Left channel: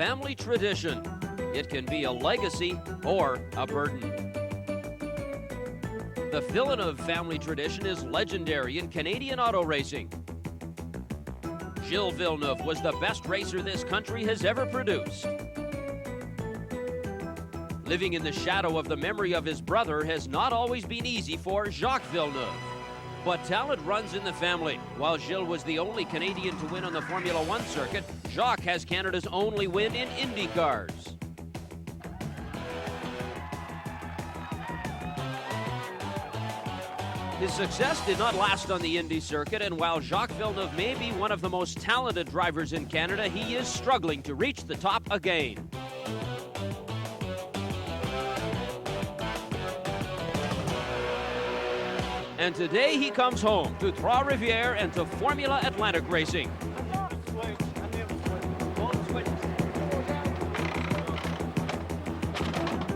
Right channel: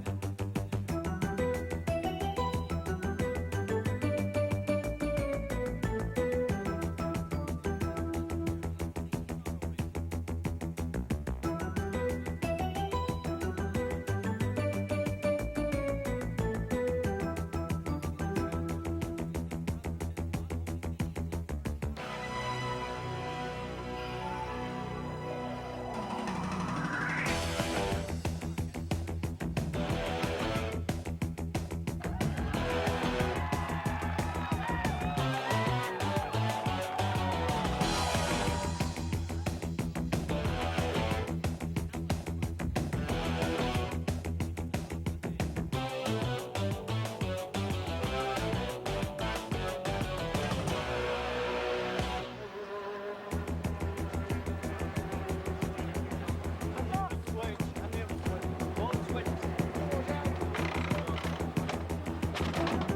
family tradition. It can be a legacy or a burden. The Villeneuve family tradition is legendary in Canadian auto racing. Gilles Villeneuve was the best racer this country has ever produced. Living in the shadow of the memory of his brother has not always been easy for Jacques Villeneuve. But talent runs in the family. While Gilles was the only Canadian to win on the Formula One circuit, Jacques has Canada's only win in Indy cars. His success did not last on the Indy circuit, and while Jacques Villeneuve may be one of the most talented drivers in Canada, he is struggling to reach the top again. And today he comes home to Trois-Rivieres and to Formula Atlanticracing.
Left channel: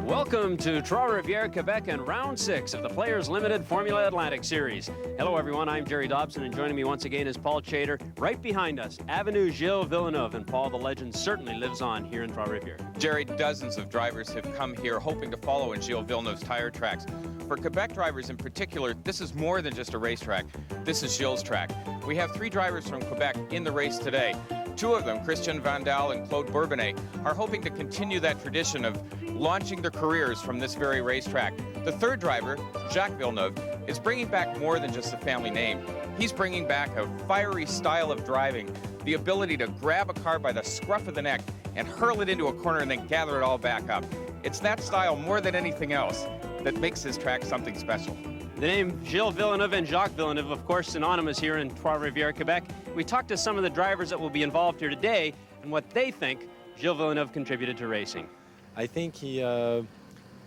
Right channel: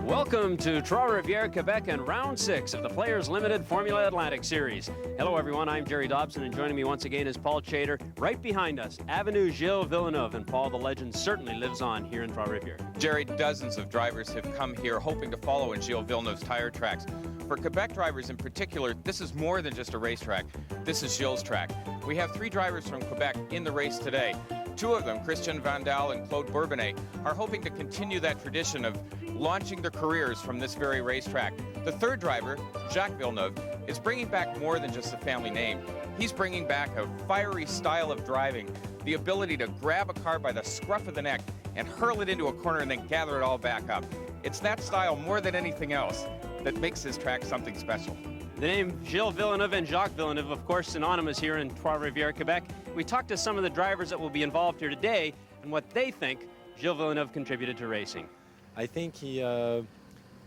Welcome to Trois-Rivieres, Quebec, and round 6 of the Players Limited Formula Atlantic Series. Hello everyone, I'm Jerry Dobson, and joining me once again is Paul Chater. Right behind us, Avenue Gilles Villeneuve, and Paul, the legend certainly lives on here in Trois-Rivieres. Jerry, dozens of drivers have come here hoping to follow in Gilles Villeneuve's tire tracks. For Quebec drivers in particular, this is more than just a racetrack. This is Gilles' track. We have 3 drivers from Quebec in the race today. 2 of them, Christian Vandal and Claude Bourbonnais, are hoping to continue that tradition of launching their careers from this very racetrack. The 3rd driver, Jacques Villeneuve, is bringing back more than just a family name. He's bringing back a fiery style of driving, the ability to grab a car by the scruff of the neck and hurl it into a corner and then gather it all back up. It's that style more than anything else that makes this track something special. The name Gilles Villeneuve and Jacques Villeneuve, of course, synonymous here in Trois-Rivieres, Quebec. We talked to some of the drivers that will be involved here today and what they think Gilles Villeneuve contributed to racing. I think he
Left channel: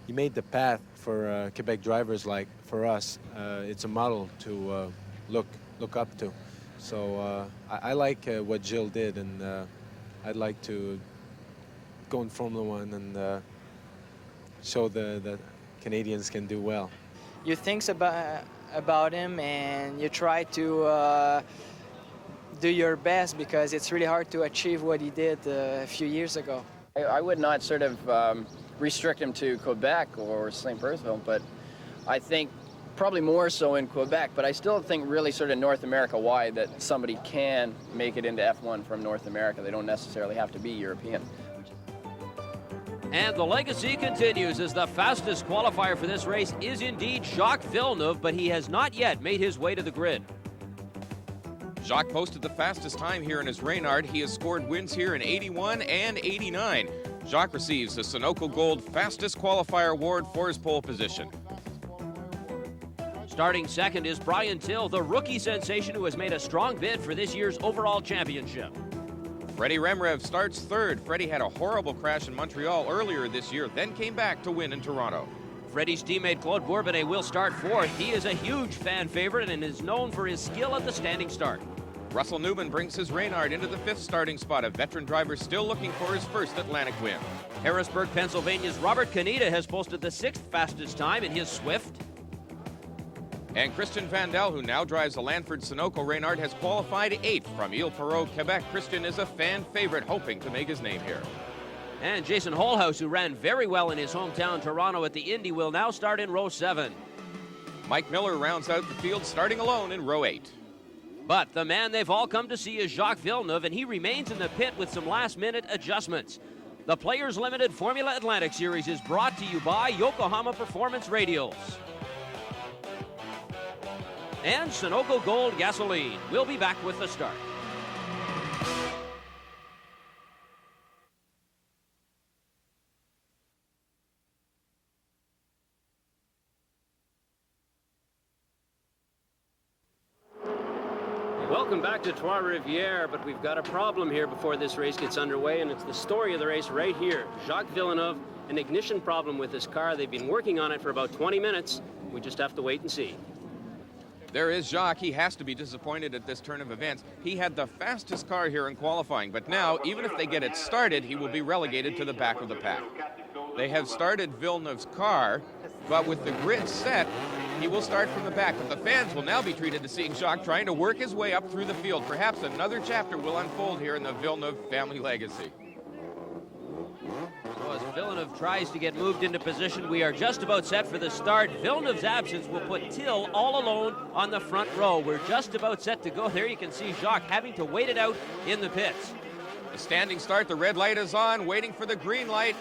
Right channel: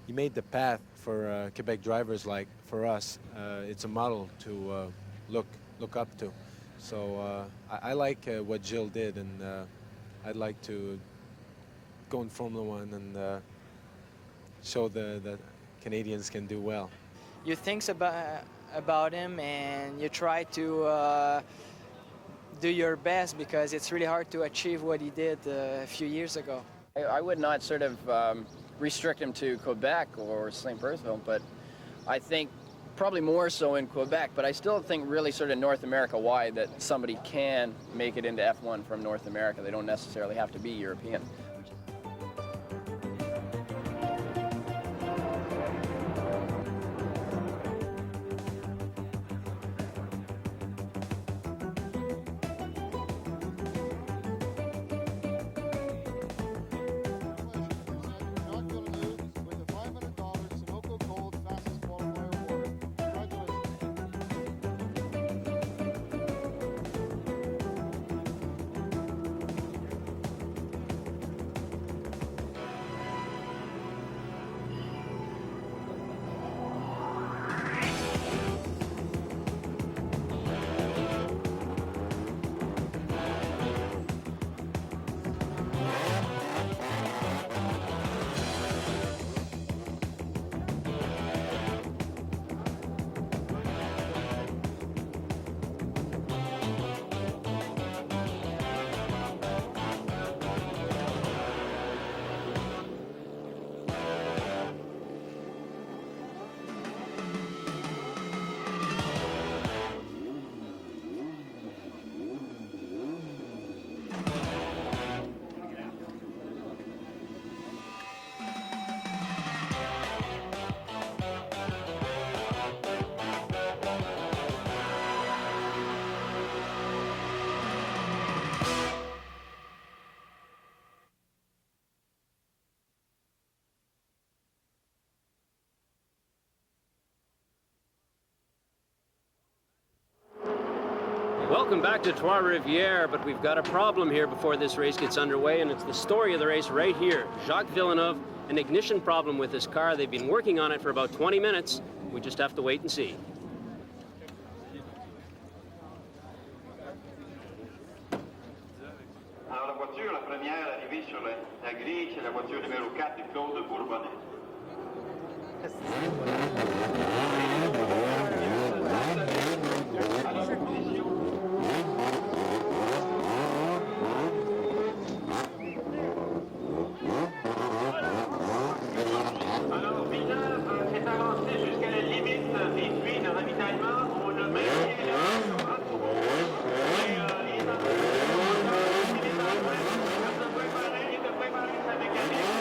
made the path for Quebec drivers like for us. It's a model to look up to. So I like what Gilles did, and I'd like to go in Formula One and show the Canadians can do well. You think about him and you try to do your best, because it's really hard to achieve what he did a few years ago. I would not sort of restrict him to Quebec or St. Bertheville, but I think probably more so in Quebec, but I still think really sort of North America wide that somebody can make it into F1 from North America. They don't necessarily have to be European. And the legacy continues as the fastest qualifier for this race is indeed Jacques Villeneuve, but he has not yet made his way to the grid. Jacques posted the fastest time here in his Reynard. He has scored wins here in 81 and 89. Jacques receives the Sunoco Gold Fastest Qualifier Award for his pole position. Starting second is Briantill, the rookie sensation who has made a strong bid for this year's overall championship. Freddie Remrev starts 3rd. Freddie had a horrible crash in Montreal earlier this year, then came back to win in Toronto. Freddie's teammate Claude Bourbonnais will start 4th. He is a huge fan favorite and is known for his skill at the standing start. Russell Newman brings his Reynard into the 5th starting spot, a veteran driver still looking for his first Atlantic win. Harrisburg, Pennsylvania's Robert Canita has posted the 6th fastest time in his Swift. And Christian Vandal, who now drives a Lanford Sunoco Reynard, has qualified 8th from Ile-Thurot, Quebec. Christian is a fan favorite, hoping to make his name here. And Jason Holhouse, who ran very well in his hometown Toronto at the Indy, will now start in row 7. Mike Miller rounds out the field, starting alone in row 8. But the man they've all come to see is Jacques Villeneuve, and he remains in the pit with some last-minute adjustments. The Players Limited Formula Atlantic Series is brought to you by Yokohama Performance Radials and Sunoco Gold Gasoline. We'll be back with the start. Welcome back to Trois-Rivieres, but we've got a problem here before this race gets underway, and it's the story of the race right here. Jacques Villeneuve, an ignition problem with his car. They've been working on it for about 20 minutes. We just have to wait and see. There is Jacques. He has to be disappointed at this turn of events. He had the fastest car here in qualifying, but now, even if they get it started, he will be relegated to the back of the pack. They have started Villeneuve's car, but with the grid set, he will start from the back. The fans will now be treated to seeing Jacques trying to work his way up through the field. Perhaps another chapter will unfold here in the Villeneuve family legacy. get moved into position. We are just about set for the start. Villeneuve's absence will put Till all alone on the front row. We're just about set to go. There you can see Jacques having to wait it out in the pit. Standing start, the red light is on, waiting for the green light.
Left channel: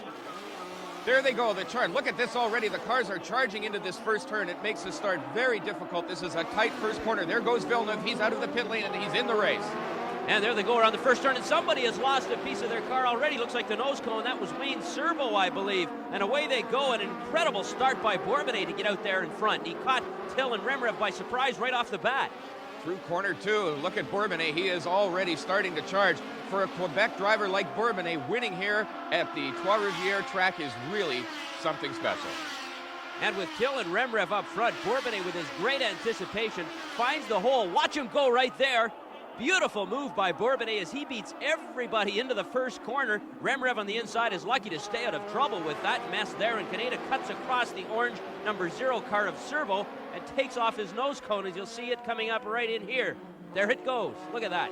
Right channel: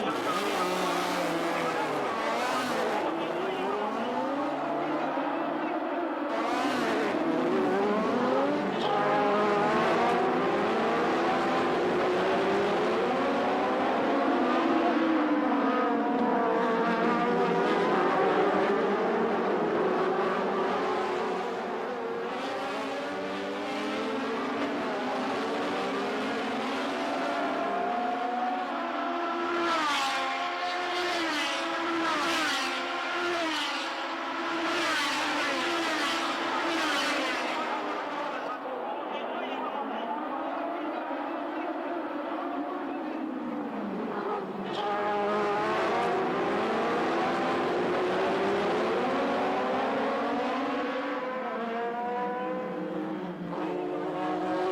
There they go, the turn. Look at this already. The cars are charging into this first turn. It makes the start very difficult. This is a tight first corner. There goes Villeneuve. He's out of the pit lane and he's in the race. And there they go around the first turn, and somebody has lost a piece of their car already. Looks like the nose cone. That was Reed Servo, I believe. And away they go. An incredible start by Bourbonnais to get out there in front. He caught Till and Rembrandt by surprise right off the bat. Through corner two, look at Bourbonnais. He is already starting to charge. For a Quebec driver like Bourbonnais, winning here at the Trois-Rivieres track is really something special. And with Till and Rembrandt up front, Bourbonnais with great anticipation finds the hole. Watch him go right there. Beautiful move by Bourbonnais as he beats everybody into the first corner. Rembrandt on the inside is lucky to stay out of trouble with that mess there. And Canada cuts across the orange number 0 car of Servo. Takes off his nose cone as you see it coming up right in here. There it goes. Look at that.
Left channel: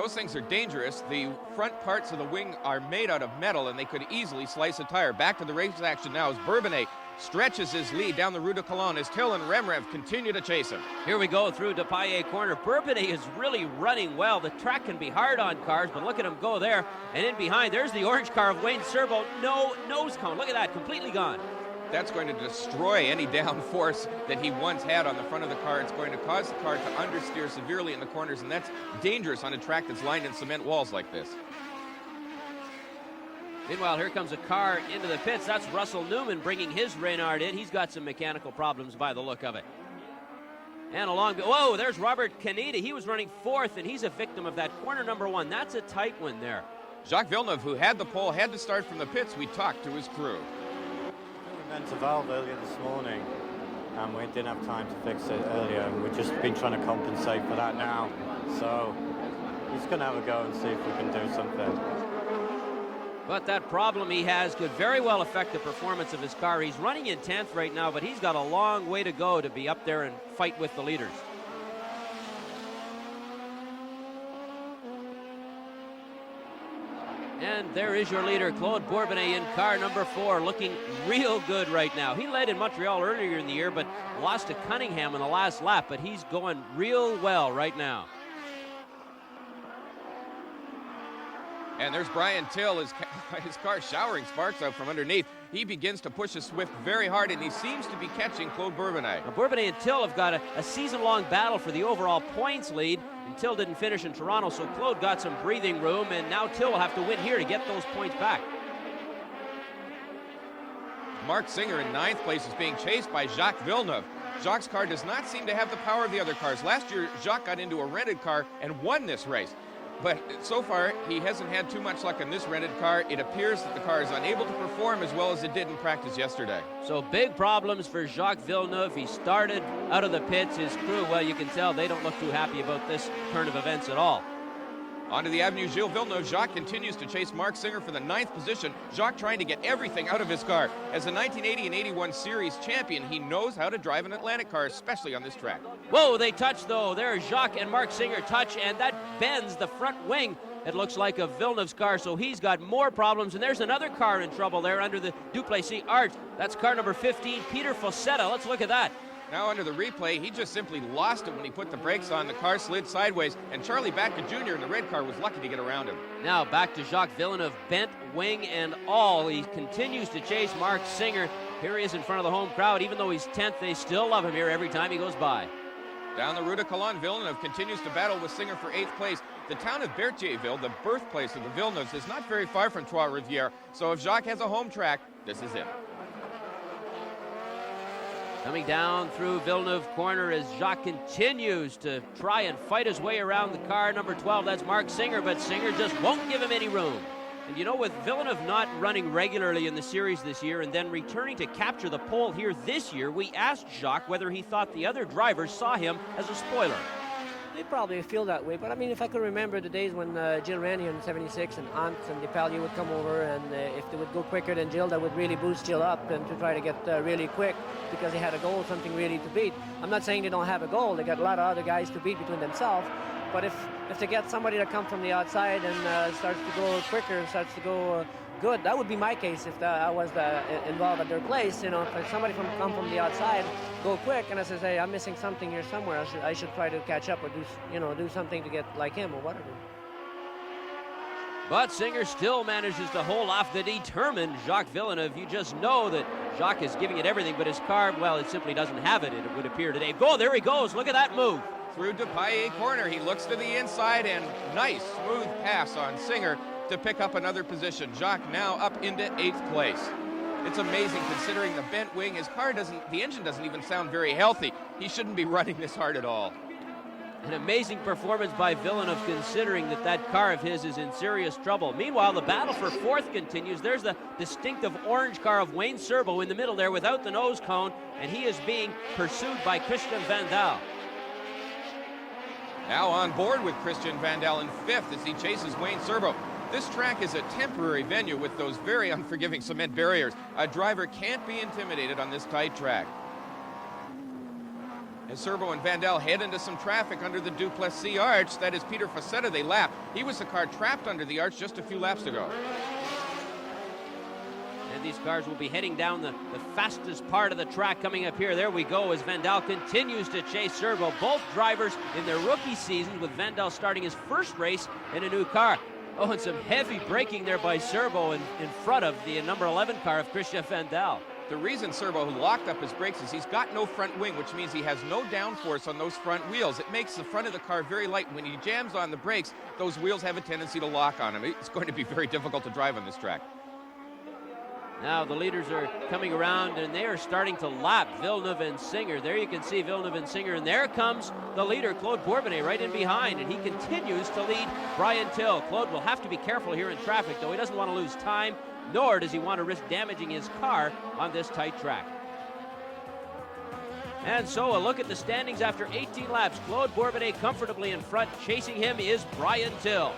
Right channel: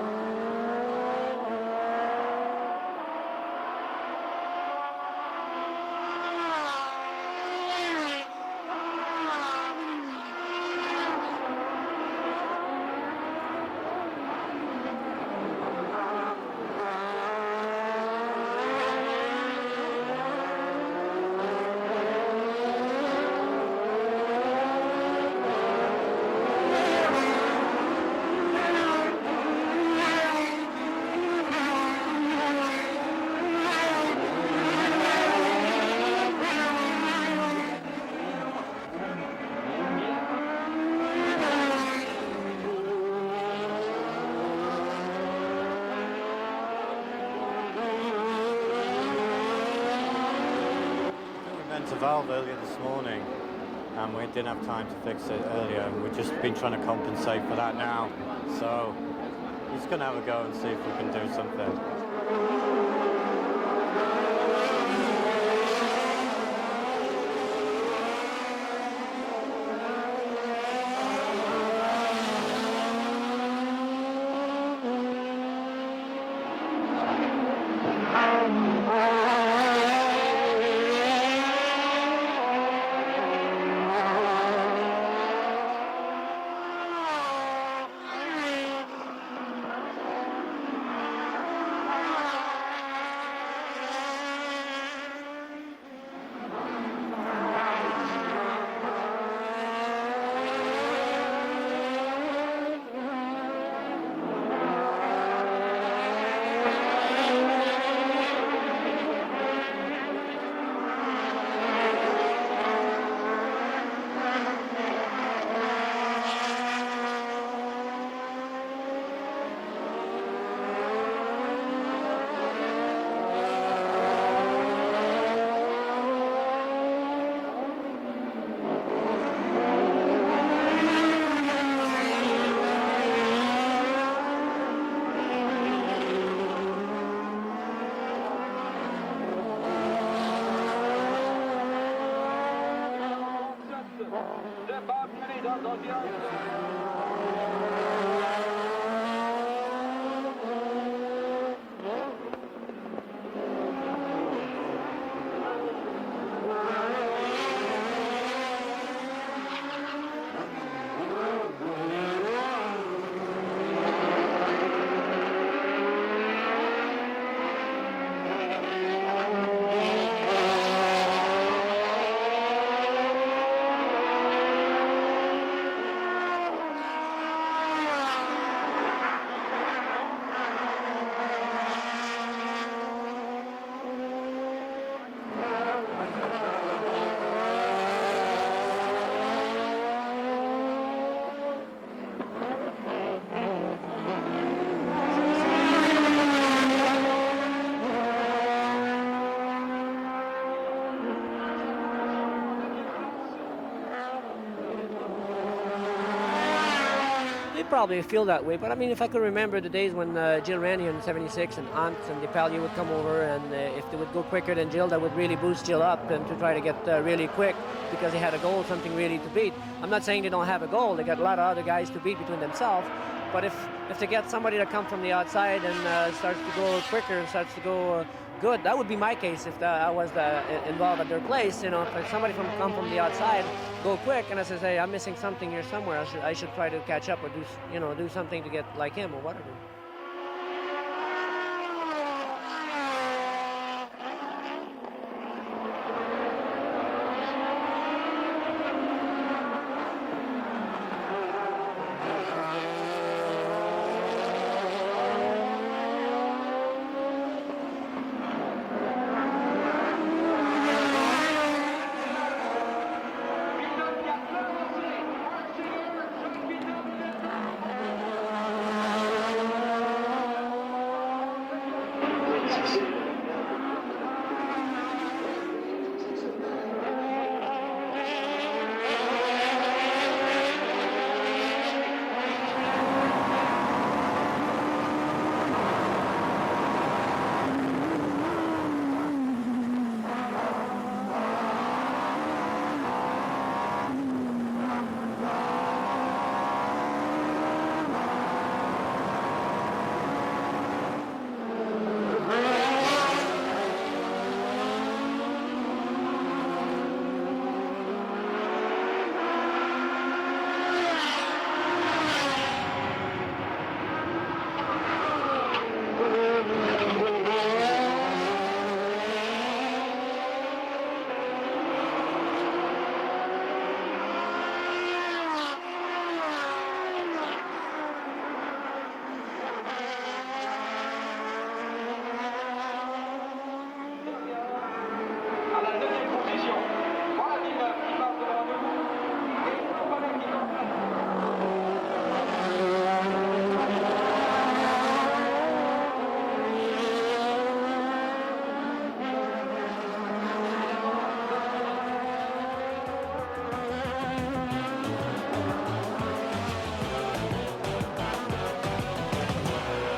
Those things are dangerous. The front parts of the wing are made out of metal and they could easily slice a tire. Back to the race action now as Bourbonnais stretches his lead down the Rue de Cologne as Till and Rembrandt continue to chase him. Here we go through the Paillet corner. Bourbonnais is really running well. The track can be hard on cars, but look at him go there. And in behind, there's the orange car of Wayne Servo. No nose cone. Look at that, completely gone. That's going to destroy any downforce that he once had on the front of the car. It's going to cause the car to steer severely in the corners, and that's dangerous on a track that's lined with cement walls like this. Well, here comes a car heading to the pits. That's Russell Newman bringing his Reynard in. He's got some mechanical problems by the look of it. And along the, whoa, there's Robert Canada. He was running fourth, and he's a victim of that corner number 1. That's a tight one there. Jacques Villeneuve, who had the pole, had the start from the pits. We talked to his crew. We went to valve earlier this morning and we didn't have time to fix it earlier, and we've just been trying to compensate for that now. So he's going to have a go and see if we can do something. But that problem he has could very well affect the performance of his car. He's running in 10th right now, but he's got a long way to go to be up there and fight with the leader. And there is your leader, Claude Bourbonnais, in car number 4, looking real good right now. He led in Montreal earlier in the year, but lost to Cunningham in the last lap, but he's going real well right now. And there's Briantill, his car showering sparks up from underneath. He begins to push his Swift very hard, and he seems to be catching Claude Bourbonnais. Bourbonnais and Till have got a season-long battle for the overall points lead. Till didn't finish in Toronto, so Claude got some breathing room, and now Till will have to win here to get those points back. Mark Singer in 9th place is being chased by Jacques Villeneuve. Jacques' car does not seem to have the power of the other cars. Last year, Jacques got into a rented car and won this race. But so far, he hasn't had too much luck in this rented car. It appears that the car is unable to perform as well as it did in practice yesterday. So big problems for Jacques Villeneuve. He started out of the pits. His crew, well, you can tell they don't look too happy about this turn of events at all. Onto the Avenue Gilles Villeneuve. Jacques continues to chase Mark Singer for the 9th position. Jacques trying to get everything out of his car. As a 1980 and 81 series champion, he knows how to drive an Atlantic car, especially on this track. Whoa, they touch though. There's Jacques and Mark Singer touch, and that bends the front wing. It looks like a Villeneuve's car, so he's got more problems. And there's another car in trouble there under the Duplessis arch. That's car number 15, Peter Fossetta. Let's look at that. Now under the replay, he just simply lost him when he put the brakes on. The car slid sideways, and Charlie Mackey Jr., the red car, was lucky to get around it. Now back to Jacques Villeneuve, bent wing and all. He continues to chase Mark Singer. There he is in front of the home crowd. Even though he's 10th, they still love him here every time he goes by. Down the Rue de Cologne, Villeneuve continues to battle with Singer for 8th place. The town of Berthierville, the birthplace of the Villeneuve, is not very far from Trois-Rivieres. So if Jacques has a home track, this is it. Coming down through Villeneuve corner as Jacques continues to try and fight his way around the car number 12. That's Mark Singer, but Singer just won't give him any room. You know, with Villeneuve not running regularly in the series this year and then returning to capture the pole here this year, we asked Jacques whether he thought the other drivers saw him as a spoiler. They probably feel that way, but I mean, if I could remember the days when Gilles Ranier in '76 and Ant and Depailler would come over, and if they would go quicker than Gilles, that would really boost Gilles up and to try to get really quick because they had a goal, something really to beat. I'm not saying they don't have a goal; they got a lot of other guys to beat between themselves. But if they get somebody to come from the outside and starts to go quicker and starts to go good. That would be my case if I was involved at their place. You know, if somebody come from the outside, go quick, and I say, hey, I'm missing something here somewhere. I should try to catch up or do something to get like him or whatever. But Singer still manages to hold off the determined Jacques Villeneuve. You just know that Jacques is giving it everything, but his car, well, it simply doesn't have it, it would appear today. Oh, there he goes. Look at that move. Through to Paillet corner. He looks to the inside and nice smooth pass on Singer to pick up another position. Jacques now up into 8th place. It's amazing considering the bent wing. His car the engine doesn't even sound very healthy. He shouldn't be running this hard at all. An amazing performance by Villeneuve considering that car of his is in serious trouble. Meanwhile, the battle for 4th continues. There's the distinctive orange car of Wayne Serbo in the middle there without the nose cone, and he is being pursued by Christian Van Dal. Now on board with Christian Van Dal in 5th as he chases Wayne Serbo. This track is a temporary venue with those very unforgiving cement barriers. A driver can't be intimidated on this tight track. Servo and Van Dal head into some traffic under the Duplessis arch. That is Peter Pasetta. They lap. He was the car trapped under the arch just a few laps ago. These cars will be heading down the fastest part of the track coming up here. There we go as Van Dal continues to chase Servo. Both drivers in the rookie season with Van Dal starting his first race in a new car. Well, it's some heavy braking there by Servo in front of the number 11 car of Christian Van Dal. The reason Servo has locked up his brakes is he's got no front wing, which means he has no downforce on those front wheels. It makes the front of the car very light. When he jams on the brakes, those wheels have a tendency to lock on him. It's going to be very difficult to drive on this track. Now the leaders are coming around and they are starting to lap Villeneuve and Singer. There you can see Villeneuve and Singer, and there comes the leader, Claude Bourbonnais, right in behind, and he continues to lead Briantill. Claude will have to be careful here in traffic, so he doesn't want to lose time, nor does he want to risk damaging his car on this tight track. And so a look at the standings after 18 laps. Claude Bourbonnais comfortably in front. Chasing him is Briantill.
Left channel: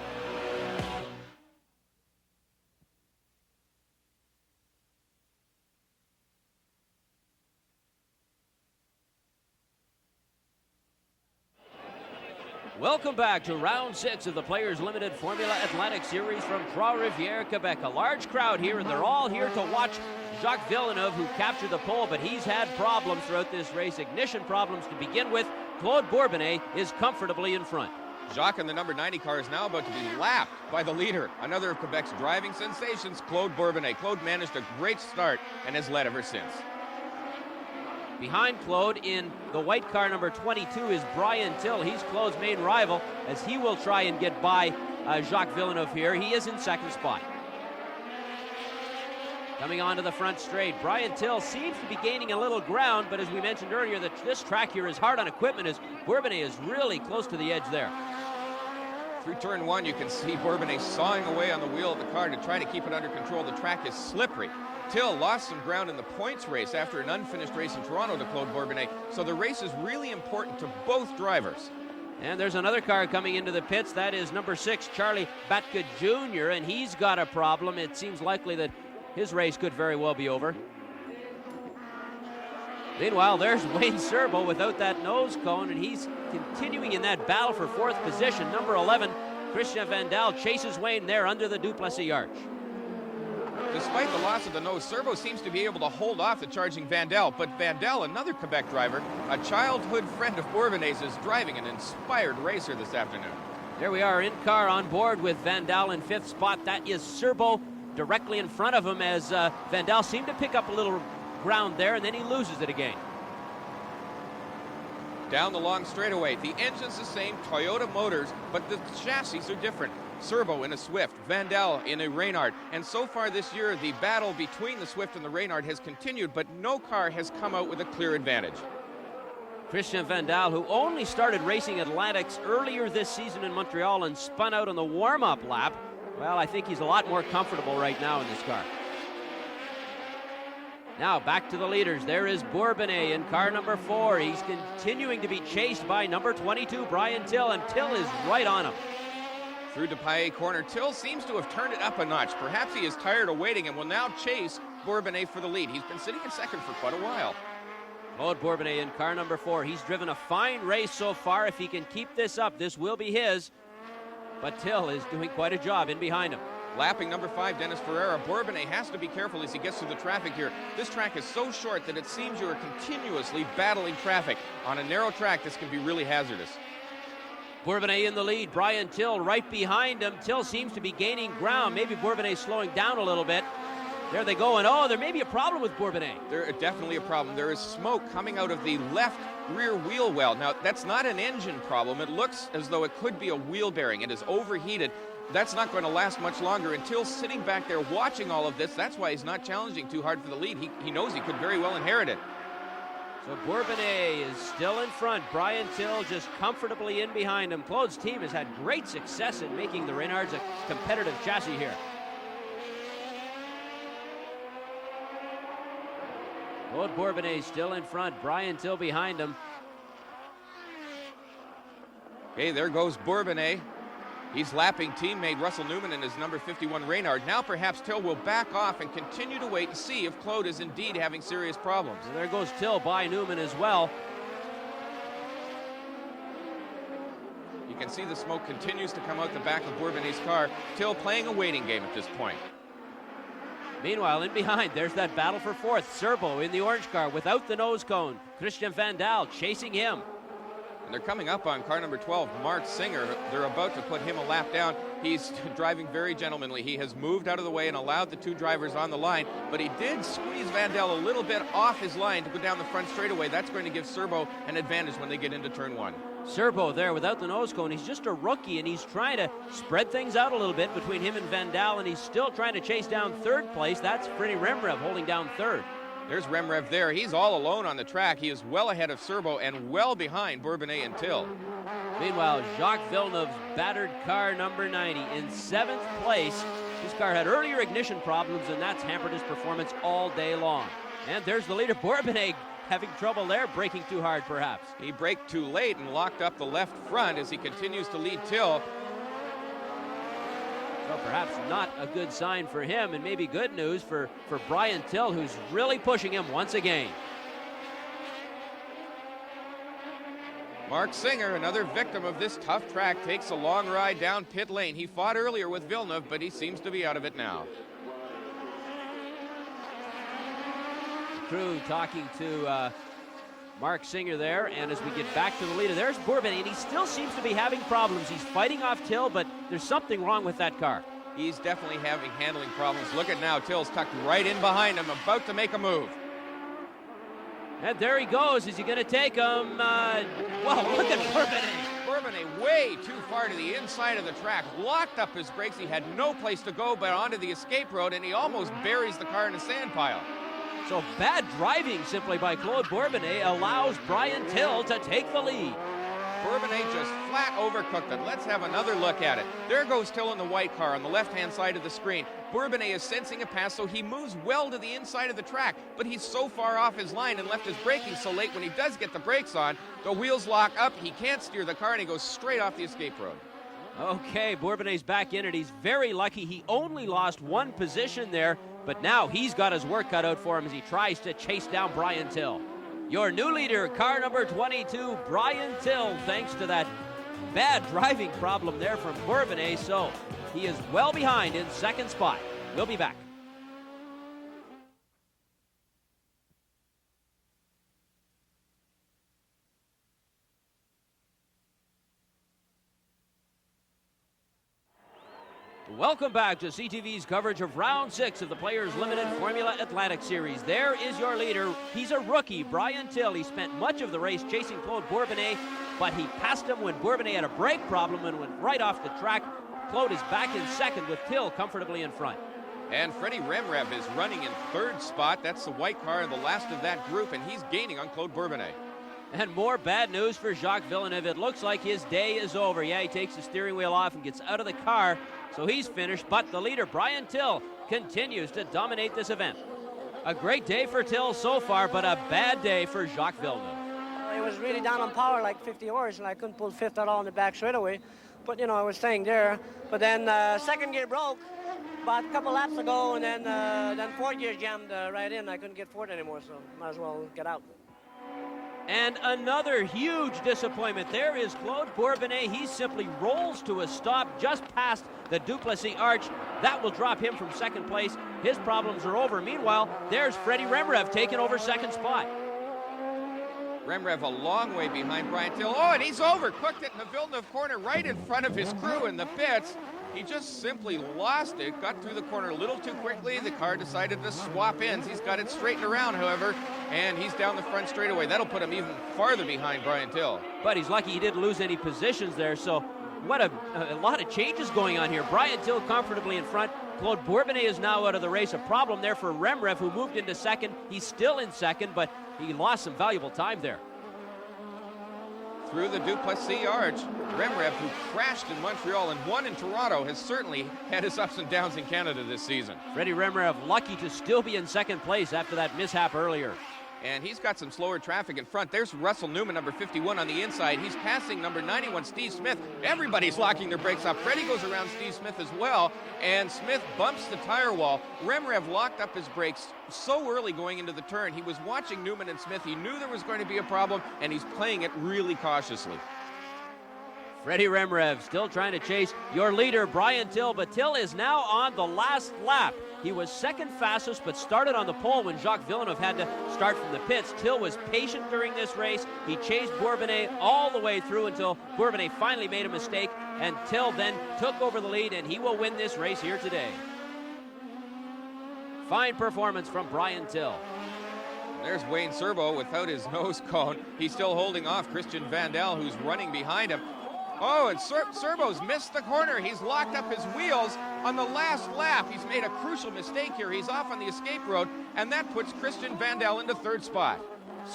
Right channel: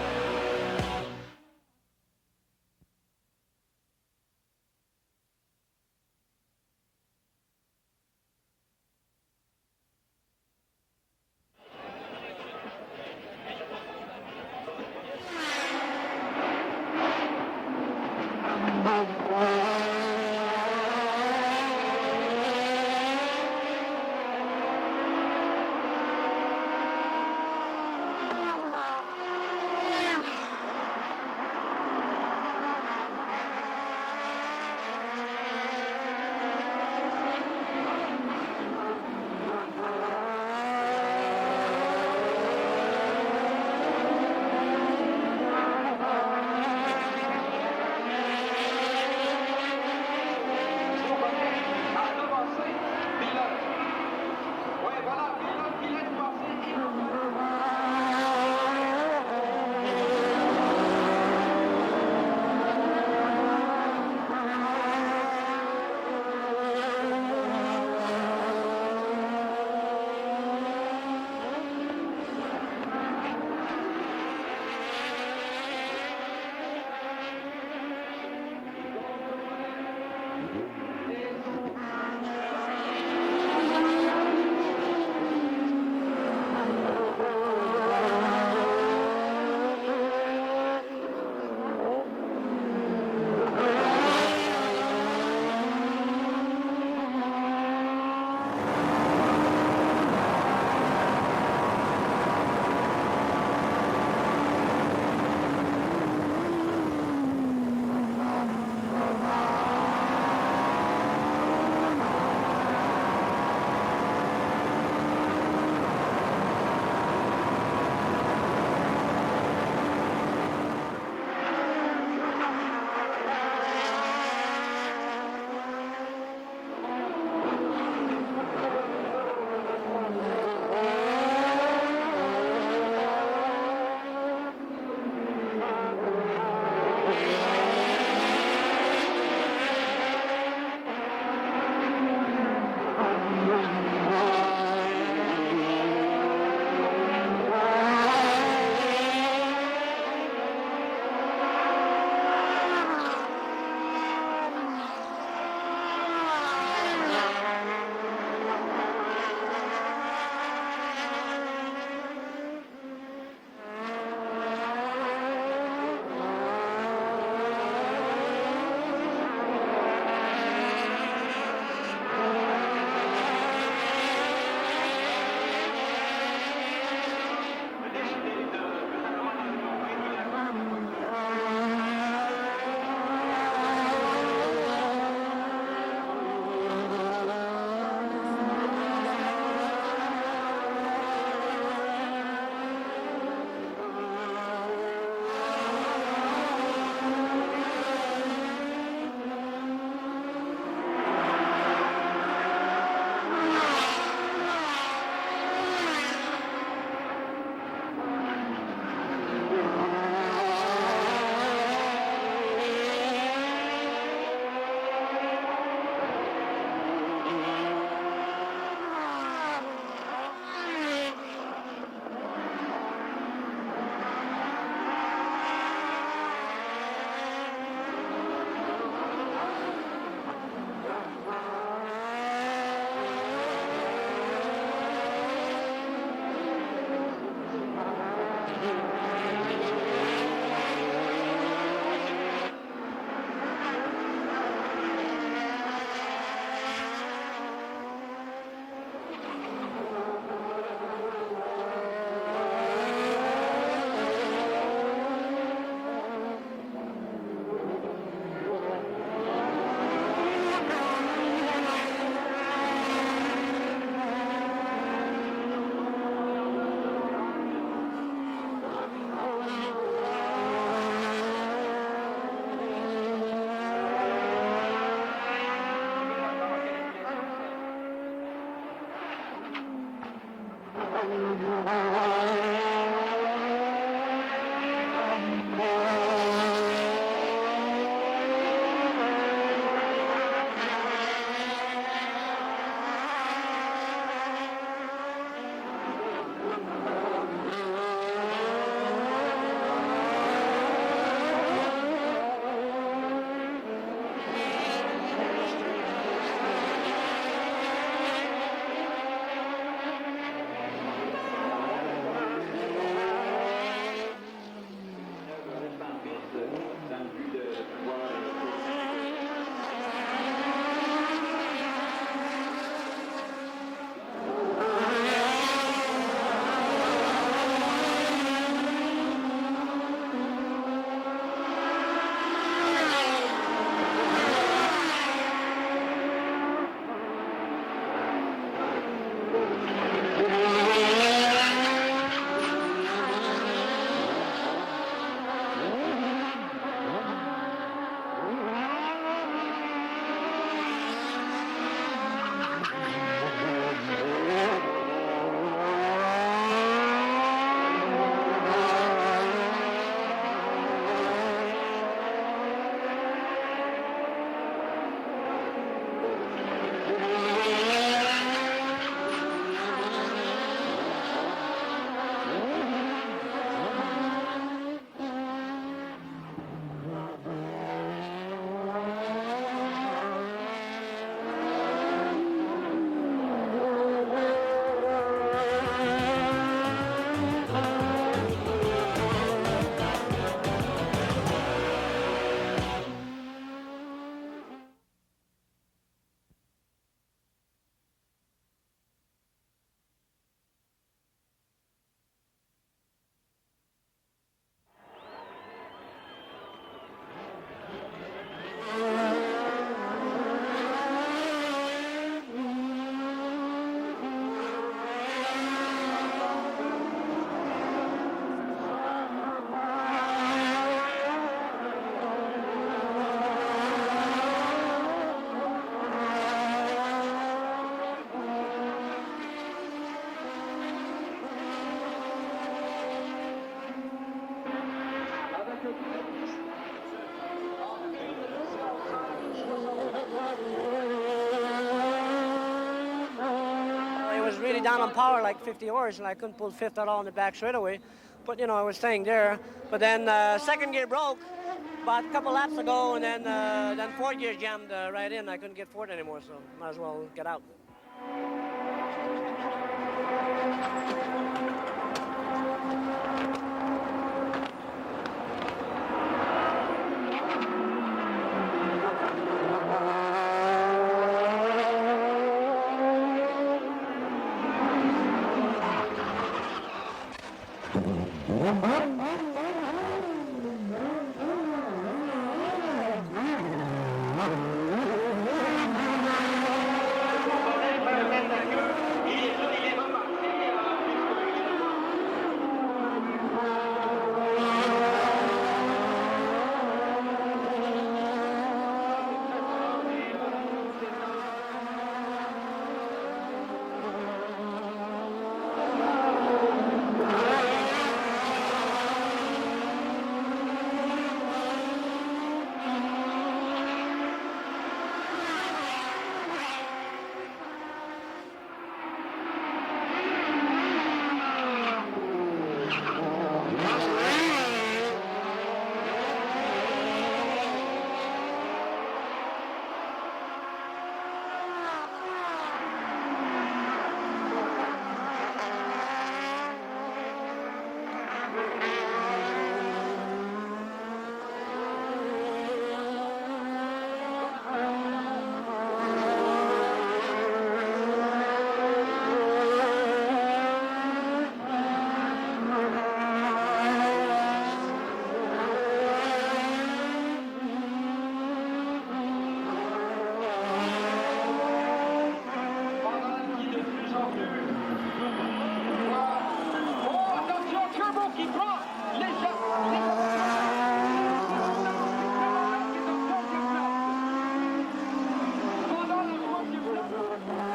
Welcome back to round 6 of the Players Limited Formula Atlantic Series from Trois-Rivieres, Quebec. A large crowd here, and they're all here to watch Jacques Villeneuve, who captured the pole, but he's had problems throughout this race. Ignition problems to begin with. Claude Bourbonnais is comfortably in front. Jacques in the number 90 car is now about to be lapped by the leader. Another of Quebec's driving sensations, Claude Bourbonnais. Claude managed a great start and has led ever since. Behind Claude in the white car number 22 is Briantill. He's Claude's main rival as he will try and get by Jacques Villeneuve here. He is in second spot. Coming onto the front straight, Briantill seems to be gaining a little ground, but as we mentioned earlier, this track here is hard on equipment as Bourbonnais is really close to the edge there. In turn 1, you can see Bourbonnais sawing away on the wheel of the car to try to keep it under control. The track is slippery. Till lost some ground in the points race after an unfinished race in Toronto to Claude Bourbonnais. So the race is really important to both drivers. And there's another car coming into the pits. That is number 6, Charlie Batka Jr., and he's got a problem. It seems likely that his race could very well be over. Meanwhile, there's Wayne Serbo without that nose cone, and he's continuing in that battle for 4th position. Number 11, Christian Van Dal chases Wayne there under the Duplessis arch. Serbo seems to be able to hold off the charging Van Dal, but Van Dal, another Quebec driver, a childhood friend of Bourbonnais, is driving an inspired racer this afternoon. Here we are in car on board with Van Dal in 5th spot. That is Serbo directly in front of him as Van Dal seemed to pick up a little ground there, and then he loses it again. Down the long straightaway, the engine's the same, Toyota Motors, but the chassis are different. Servo in a Swift, Van Dal in a Reynard, and so far this year, the battle between the Swift and the Reynard has continued, but no car has come out with a clear advantage. Christian Van Dal, who only started racing Atlantics earlier this season in Montreal and spun out on the warm-up lap, well, I think he's a lot more comfortable right now in this car. Now back to the leaders. There is Bourbonnais in car number 4. He's continuing to be chased by number 22, Briantill, and Till is right on him. Through the Paillet corner, Till seems to have turned it up a notch. Perhaps he is tired of waiting and will now chase Bourbonnais for the lead. He's been sitting in second for now. Claude Bourbonnais in car number 4. He's driven a fine race so far. If he can keep this up, this will be his. But Till is doing quite a job in behind him. Lapping number 5, Dennis Ferreira. Bourbonnais has to be careful as he gets to the traffic here. This track is so short that it seems you're continuously battling traffic. On a narrow track, this could be really hazardous. Bourbonnais in the lead, Briantill right behind him. Till seems to be gaining ground. Maybe Bourbonnais slowing down a little bit. Where are they going? Oh, there may be a problem with Bourbonnais. There is definitely a problem. There is smoke coming out of the left rear wheel well. Now, that's not an engine problem. It looks as though it could be a wheel bearing. It is overheated. That's not going to last much longer. Until sitting back there watching all of this, that's why he's not challenging too hard for the lead. He knows he can very well inherit it. Bourbonnais is still in front. Briantill just comfortably in behind him. Claude's team has had great success in making the Renard competitive chassis here. Claude Bourbonnais still in front. Briantill behind him. Okay, there goes Bourbonnais. He's lapping teammate Russell Newman and his number 51 Reynard. Now perhaps Till will back off and continue to wait and see if Claude is indeed having serious problems. There goes Till by Newman as well. You can see the smoke continues to come out the back of Bourbonnais' car. Till playing a waiting game at this point. Meanwhile, in behind, there's that battle for fourth. Serbo in the orange car without the nose cone. Christian Van Dal chasing him. They're coming up on car number 12, Mark Singer. They're about to put him a lap down. He's driving very gentlemanly. He has moved out of the way and allowed the two drivers on the line, but he did squeeze Van Dal a little bit off his line to go down the front straightaway. That's going to give Serbo an advantage when they get into turn 1. Serbo there without the nose cone. He's just a rookie, and he's trying to spread things out a little bit between him and Van Dal, and he's still trying to chase down third place. That's Freddie Rimrev holding down third. There's Remrev there. He's all alone on the track. He is well ahead of Serbo and well behind Bourbonnais and Till. Meanwhile, Jacques Villeneuve, battered car number 90 in 7th place. His car had earlier ignition problems, and that's hampered his performance all day long. And there's the leader, Bourbonnais, having trouble there, braking too hard perhaps. He braked too late and locked up the left front as he continues to lead Till. Sign for him, and maybe good news for Briantill, who's really pushing him once again. Mark Singer, another victim of this tough track, takes a long ride down pit lane. He fought earlier with Villeneuve, but he seems to be out of it now. Talking to Mark Singer there, and as we get back to the leader, there's Bourbonnais. He still seems to be having problems. He's fighting off Till, but there's something wrong with that car. He's definitely having handling problems. Look at now, Till's cut right in behind him, about to make a move. And there he goes. Is he going to take him? Way too hard to the inside of the track. Locked up his brakes and had no place to go but onto the escape road, and he almost buries the car in a sand pile. So bad driving simply by Claude Bourbonnais allows Briantill to take the lead. Bourbonnais just flat overcooked it. Let's have another look at it. There goes Till in the white car on the left-hand side of the screen. Bourbonnais is sensing a pass, so he moves well to the inside of the track, but he's so far off his line, he left the brakes so late when he does get the brakes on. The wheels lock up, he can't steer the car, and he goes straight off the escape road. Okay, Bourbonnais back in it. He's very lucky. He only lost one position there, but now he's got his work cut out for him as he tries to chase down Briantill. Your new leader, car number 22, Briantill, thanks to that bad driving problem there from Bourbonnais, so he is well behind in second spot. He'll be back. Welcome back to CTV's coverage of Round 6 of the Players Limited Formula Atlantic Series. There is your leader. He's a rookie, Briantill. He spent much of the race chasing Claude Bourbonnais, but he passed him when Bourbonnais had a brake problem and went right off the track. Claude is back in second with Till comfortably in front. And Freddie Rimrev is running in third spot. That's the white car, the last of that group, and he's gaining on Claude Bourbonnais. And more bad news for Jacques Villeneuve. It looks like his day is over. Yeah, he takes the steering wheel off and gets out of the car, so he's finished. But the leader, Briantill, continues to dominate this event. A great day for Till so far, but a bad day for Jacques Villeneuve. It was really down on power, like 50 hours, and I couldn't pull fifth at all in the back straightaway. But, you know, I was staying there. But then second gear broke about a couple laps ago, and then fourth gear jammed right in. I couldn't get fourth anymore, so might as well get out. And another huge disappointment. There is Claude Bourbonnais. He simply rolls to a stop just past the Duplessis arch. That will drop him from second place. His problems are over. Meanwhile, there's Freddie Remrev taking over second spot. Remrev a long way behind Briantill. Oh, and he's over. Quick at the Villeneuve corner right in front of his crew in the pits. He just simply lost it. Got through the corner a little too quickly. The car decided to swap ends. He's got it straightened around, however, and he's down the front straightaway. That'll put him even farther behind Briantill. But he's lucky he didn't lose any positions there, so what a lot of changes going on here. Briantill comfortably in front. Claude Bourbonnais is now out of the race. A problem there for Remrev, who moved into second. He's still in second, but he lost some valuable time there. Through the Duplessis arch. Remrev, who crashed in Montreal and won in Toronto, has certainly had his ups and downs in Canada this season. Freddie Remrev lucky to still be in second place after that mishap earlier. And he's got some slower traffic in front. There's Russell Newman, number 51 on the inside. He's passing number 91, Steve Smith. Everybody's locking their brakes up. Ready goes around Steve Smith as well. And Smith bumps the tire wall. Remrev locked up his brakes so early going into the turn. He was watching Newman and Smith. He knew there was going to be a problem, and he's playing it really cautiously. Freddie Remrev still trying to chase your leader, Briantill, but Till is now on the last lap. He was second fastest, but started on the pole when Jacques Villeneuve had to start from the pits. Till was patient during this race. He chased Bourbonnais all the way through until Bourbonnais finally made a mistake, and Till then took over the lead, and he will win this race here today. Fine performance from Briantill. There's Wayne Servo without his nose cone. He's still holding off Christian Vandal, who's running behind him. Oh, and Servo's missed the corner. He's locked up his wheels on the last lap. He's made a crucial mistake here. He's off on the escape road, and that puts Christian Vandal into third spot.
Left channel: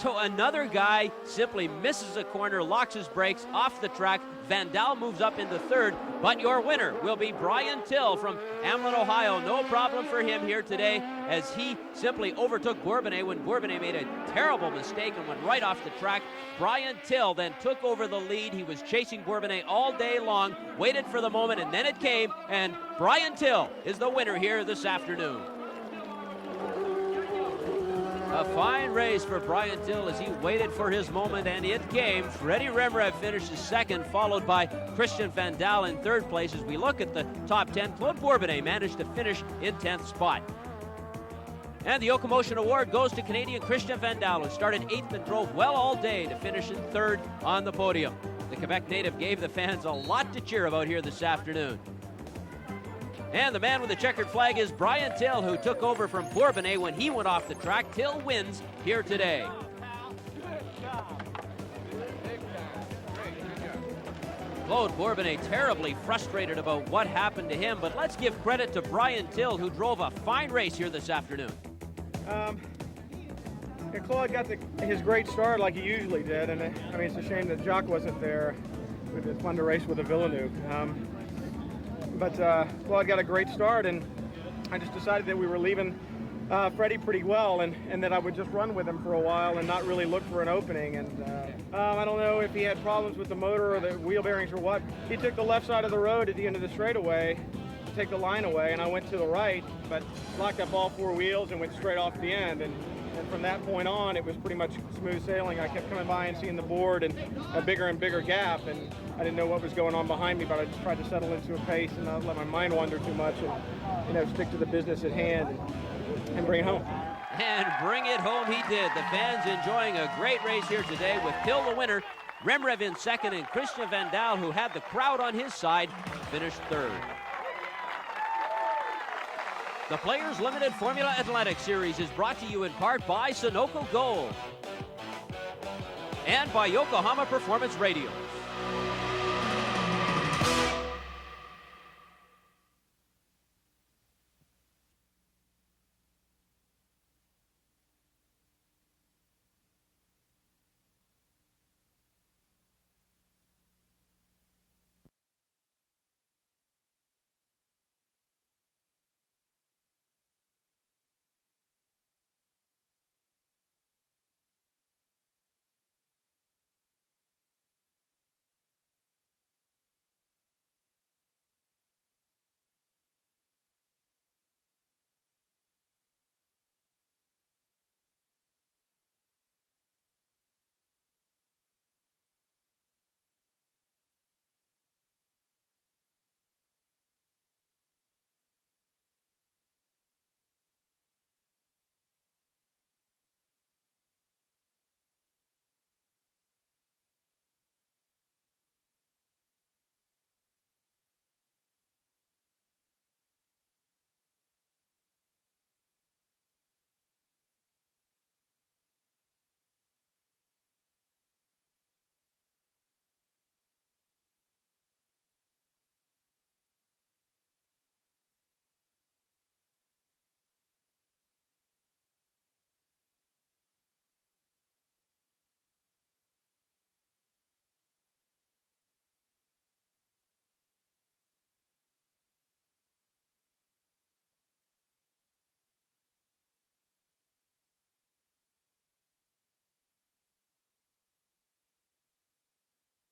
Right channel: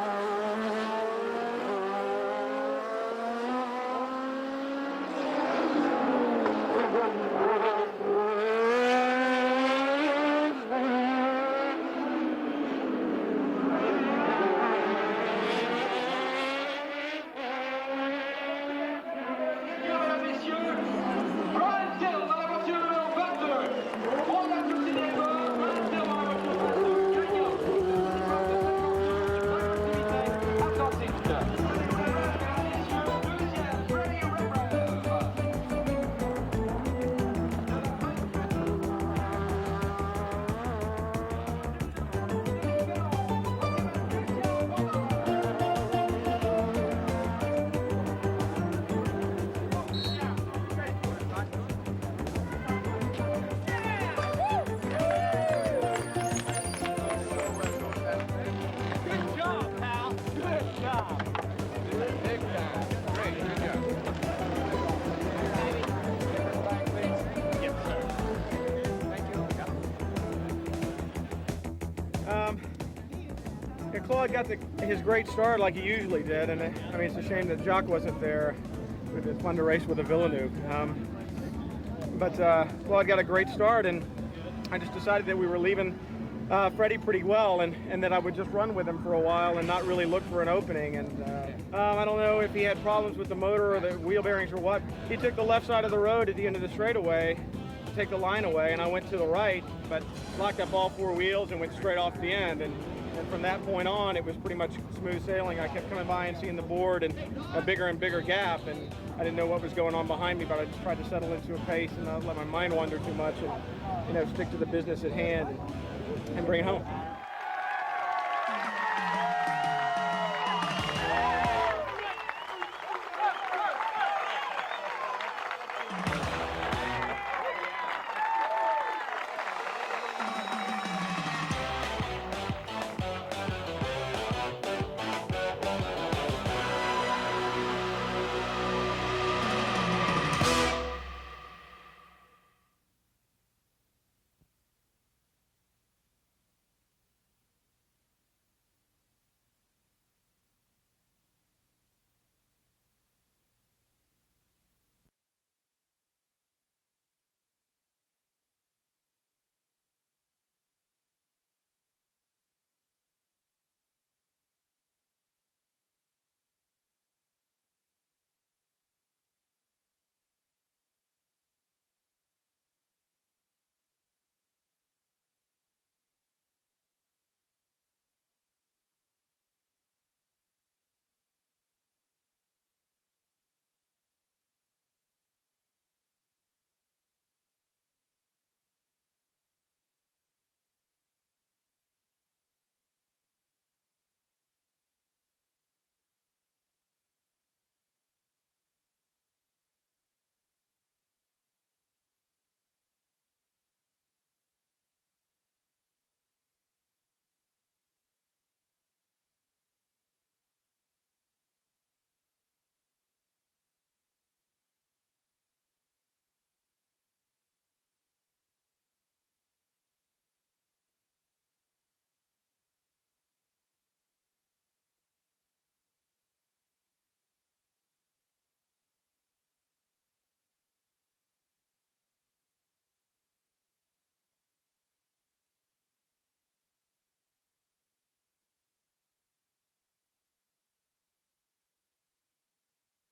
So another guy simply misses a corner, locks his brakes off the track. Vandal moves up into third, but your winner will be Briantill from Hamilton, Ohio. No problem for him here today, as he simply overtook Bourbonnais when Bourbonnais made a terrible mistake right off the track. Briantill then took over the lead. He was chasing Bourbonnais all day long, waited for the moment, and then it came, and Briantill is the winner here this afternoon. A fine race for Briantill as he waited for his moment, and it came. Freddie Remrev finished second, followed by Christian Vandal in third place. As we look at the top 10, Claude Bourbonnais managed to finish in 10th spot. And the Yokomotion Award goes to Canadian Christian Vandal, who started 8th and drove well all day to finish in third on the podium. The Quebec native gave the fans a lot to cheer about here this afternoon. And the man with the checkered flag is Briantill, who took over from Bourbonnais when he went off the track. Till wins here today. Good job, pal. Good job. Big time. Great, good job. Claude Bourbonnais terribly frustrated about what happened to him, but let's give credit to Briantill, who drove a fine race here this afternoon. Claude got his great start like he usually did, and I mean, it's a shame that Jacques wasn't there. It was fun to race with a Villeneuve. But Claude got a great start, and I just decided that we were leaving Freddie pretty well, and that I would just run with him for a while and not really look for an opening. And I don't know if he had problems with the motor or the wheel bearings or what. He took the left side of the road at the end of the straightaway to take the line away, and I went to the right, but locked up all four wheels and went straight off the end. And from that point on, it was pretty much smooth sailing. I kept coming by and seeing the board and a bigger and bigger gap, and I didn't know what was going on behind me, but I just tried to settle into a pace and not let my mind wander too much, and stick to the business at hand and bring it home. And bring it home he did. The fans enjoying a great race here today with Till the winner, Remrev in second, and Christian Vandal, who had the crowd on his side, finished third. The Players Limited Formula Atlantic Series is brought to you in part by Sunoco Gold and by Yokohama Performance Radio.